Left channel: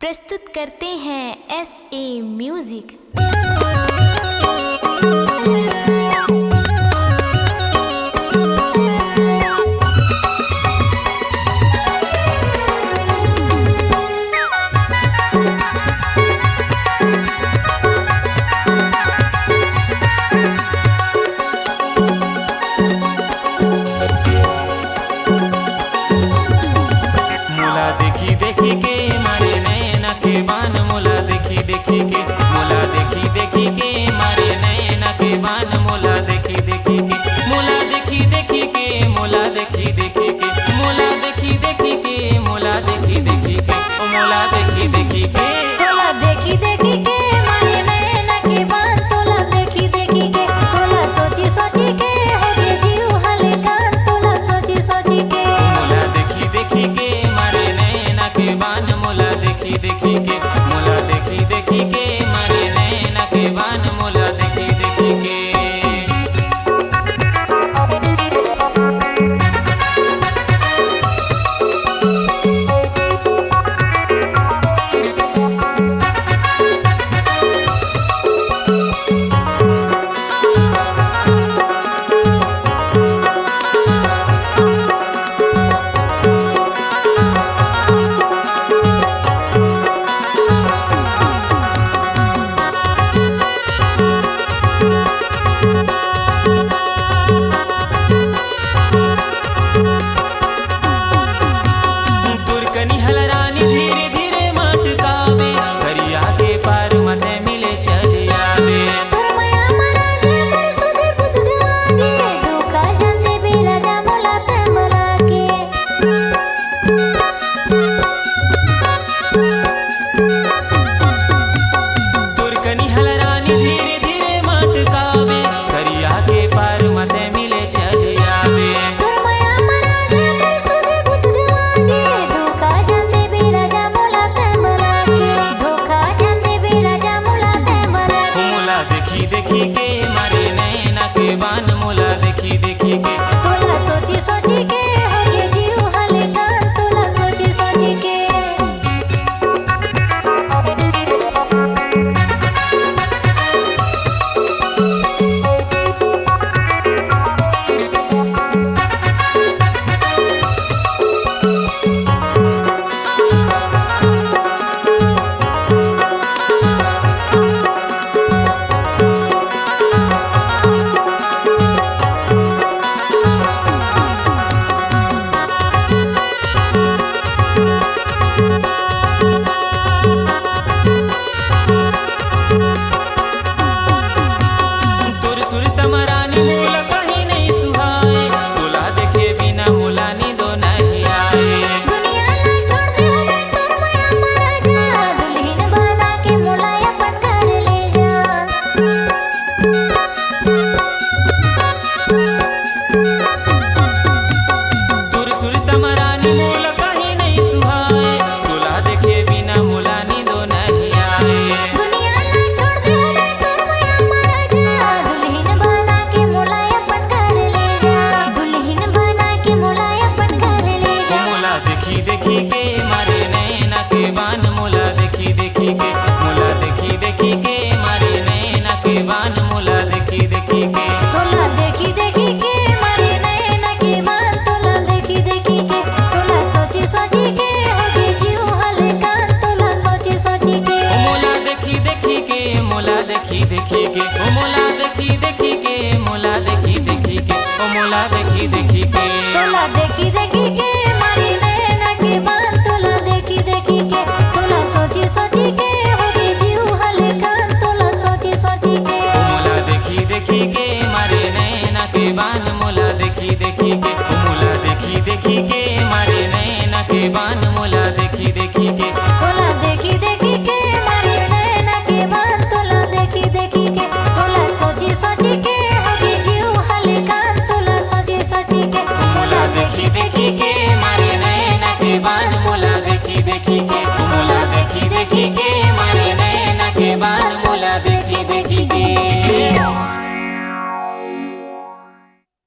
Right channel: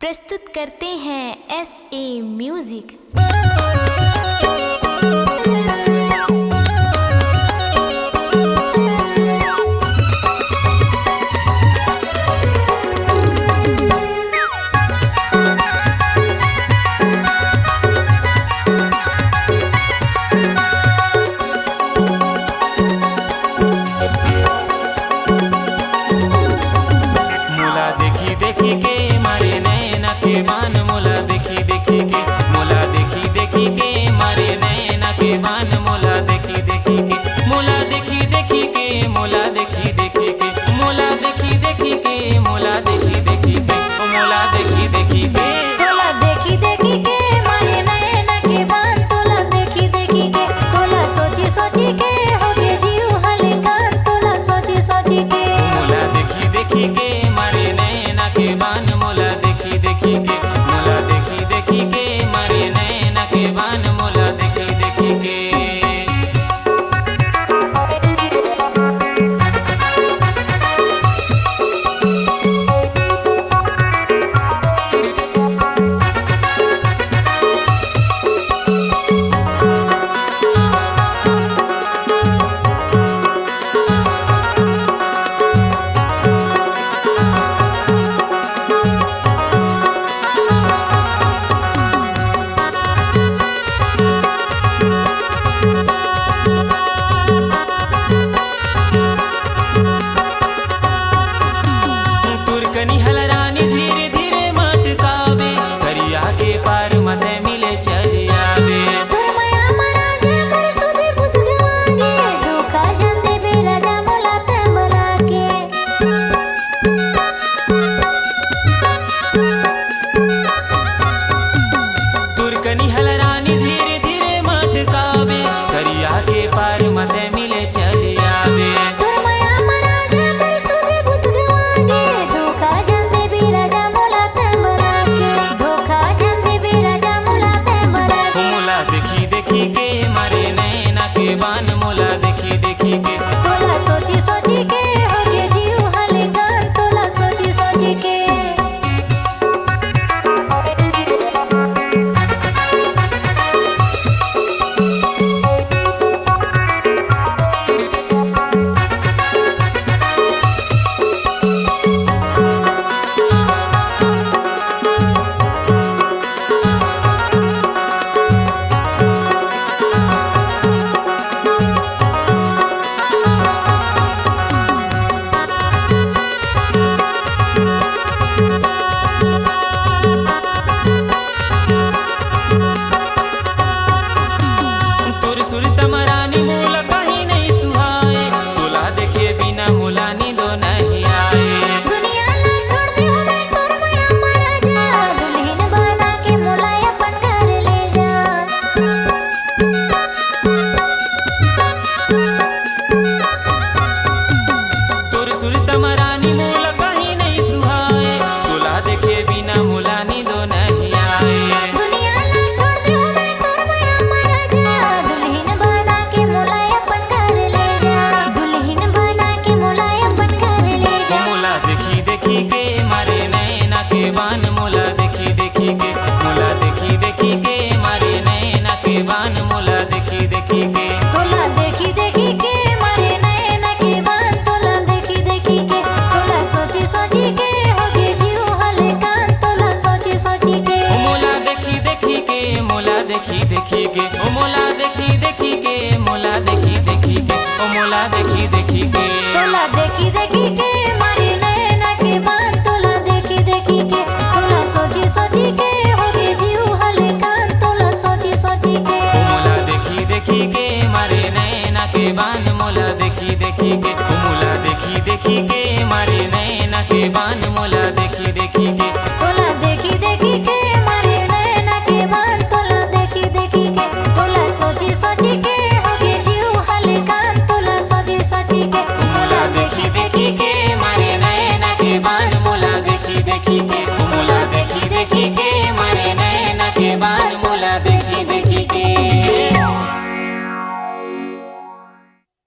प्रस्तुत करते हैं SA म्यूजिक। मोला देखी देखी के मारे नैना के बान, मोला देखी देखी के, मोला देखी देखी के मारे नैना के बान, मोला देखी देखी के, मोला देखी देखी के, मोला देखी देखी के, मोला देखी देखी के, मोला देखी देखी के, मोला देखी देखी के, तोला देखी देखी के मारे नैना के बान, तोला देखी देखी के, तोला सोची सोची के हो गए जीव हलकान, तोला सोची सोची के, मोला देखी देखी के मारे नैना के बान, मोला देखी देखी के, मोला देखी देखी के मारे नैना के बान, मोला देखी देखी के। तुरकनी हलरानी धीरे धीरे मटकावे, करिया के पार मते मिले चली आवे। तोर माया मरा जे मोर सुधे बुध गवागे, धोखा जान दे बे राजा मोला ते बला के, तुरकनी हलरानी धीरे धीरे मटकावे, करिया के पार मते मिले चली आवे। तोर माया मरा जे मोर सुधे बुध गवागे, धोखा जान दे बे राजा मोला ते बला के, धोखा जान दे बे राजा मोला ते बला के, मोला देखी देखी के मारे नैना के बान, मोला देखी देखी के, तोला सोची सोची के हो गए जीव हलकान, तोला सोची सोची के, तुर सुर तमरानी मोला कहीं नहीं सुहाए, तोला देखे बिना मोला नींदो नहीं आए। दुनिया ला छोड़ दे हो मैं तोर माया मरा जा, दुल्हन बना के मोला अपन घर ले जा, तुर सुर तमरानी मोला कहीं नहीं सुहाए, तोला देखे बिना मोला नींदो नहीं आए। दुनिया ला छोड़ दे हो मैं तोर माया मरा जा, दुल्हन बना के मोला अपन घर ले जा, दुल्हन बना के मोला अपन घर ले जा, मोला देखी देखी के मारे नैना के बान, मोला देखी देखी के, मोला देखी देखी के मारे नैना के बान, मोला देखी देखी के, तोला देखी देखी के मारे नैना के बान, तोला देखी देखी के, तोला सोची सोची के हो गए जीव हलकान, तोला सोची सोची के, मोला देखी देखी के, मोला देखी देखी के, ओ मोला देखी देखी के, मोला देखी देखी के, ओ मोला देखी देखी के, तोला देखी देखी के मारे नैना के बान, तोला देखी देखी के, तोला सोची सोची के हो गए जीव हलकान, तोला सोची सोची के, ओ मोला देखी देखी के मारे नैना के बान, मोला देखी देखी के, ओ मोला देखी देखी के मारे नैना के बान, मोला देखी देखी के, तोला देखी देखी के मारे नैना के बान, तोला देखी देखी के, तोला सोची सोची के हो गए जीव हलकान, तोला सोची सोची के, मोला देखी देखी के मारे नैना के बान, मोला देखी देखी के, मोला देखी देखी के मारे नैना के बान, मोला देखी देखी के।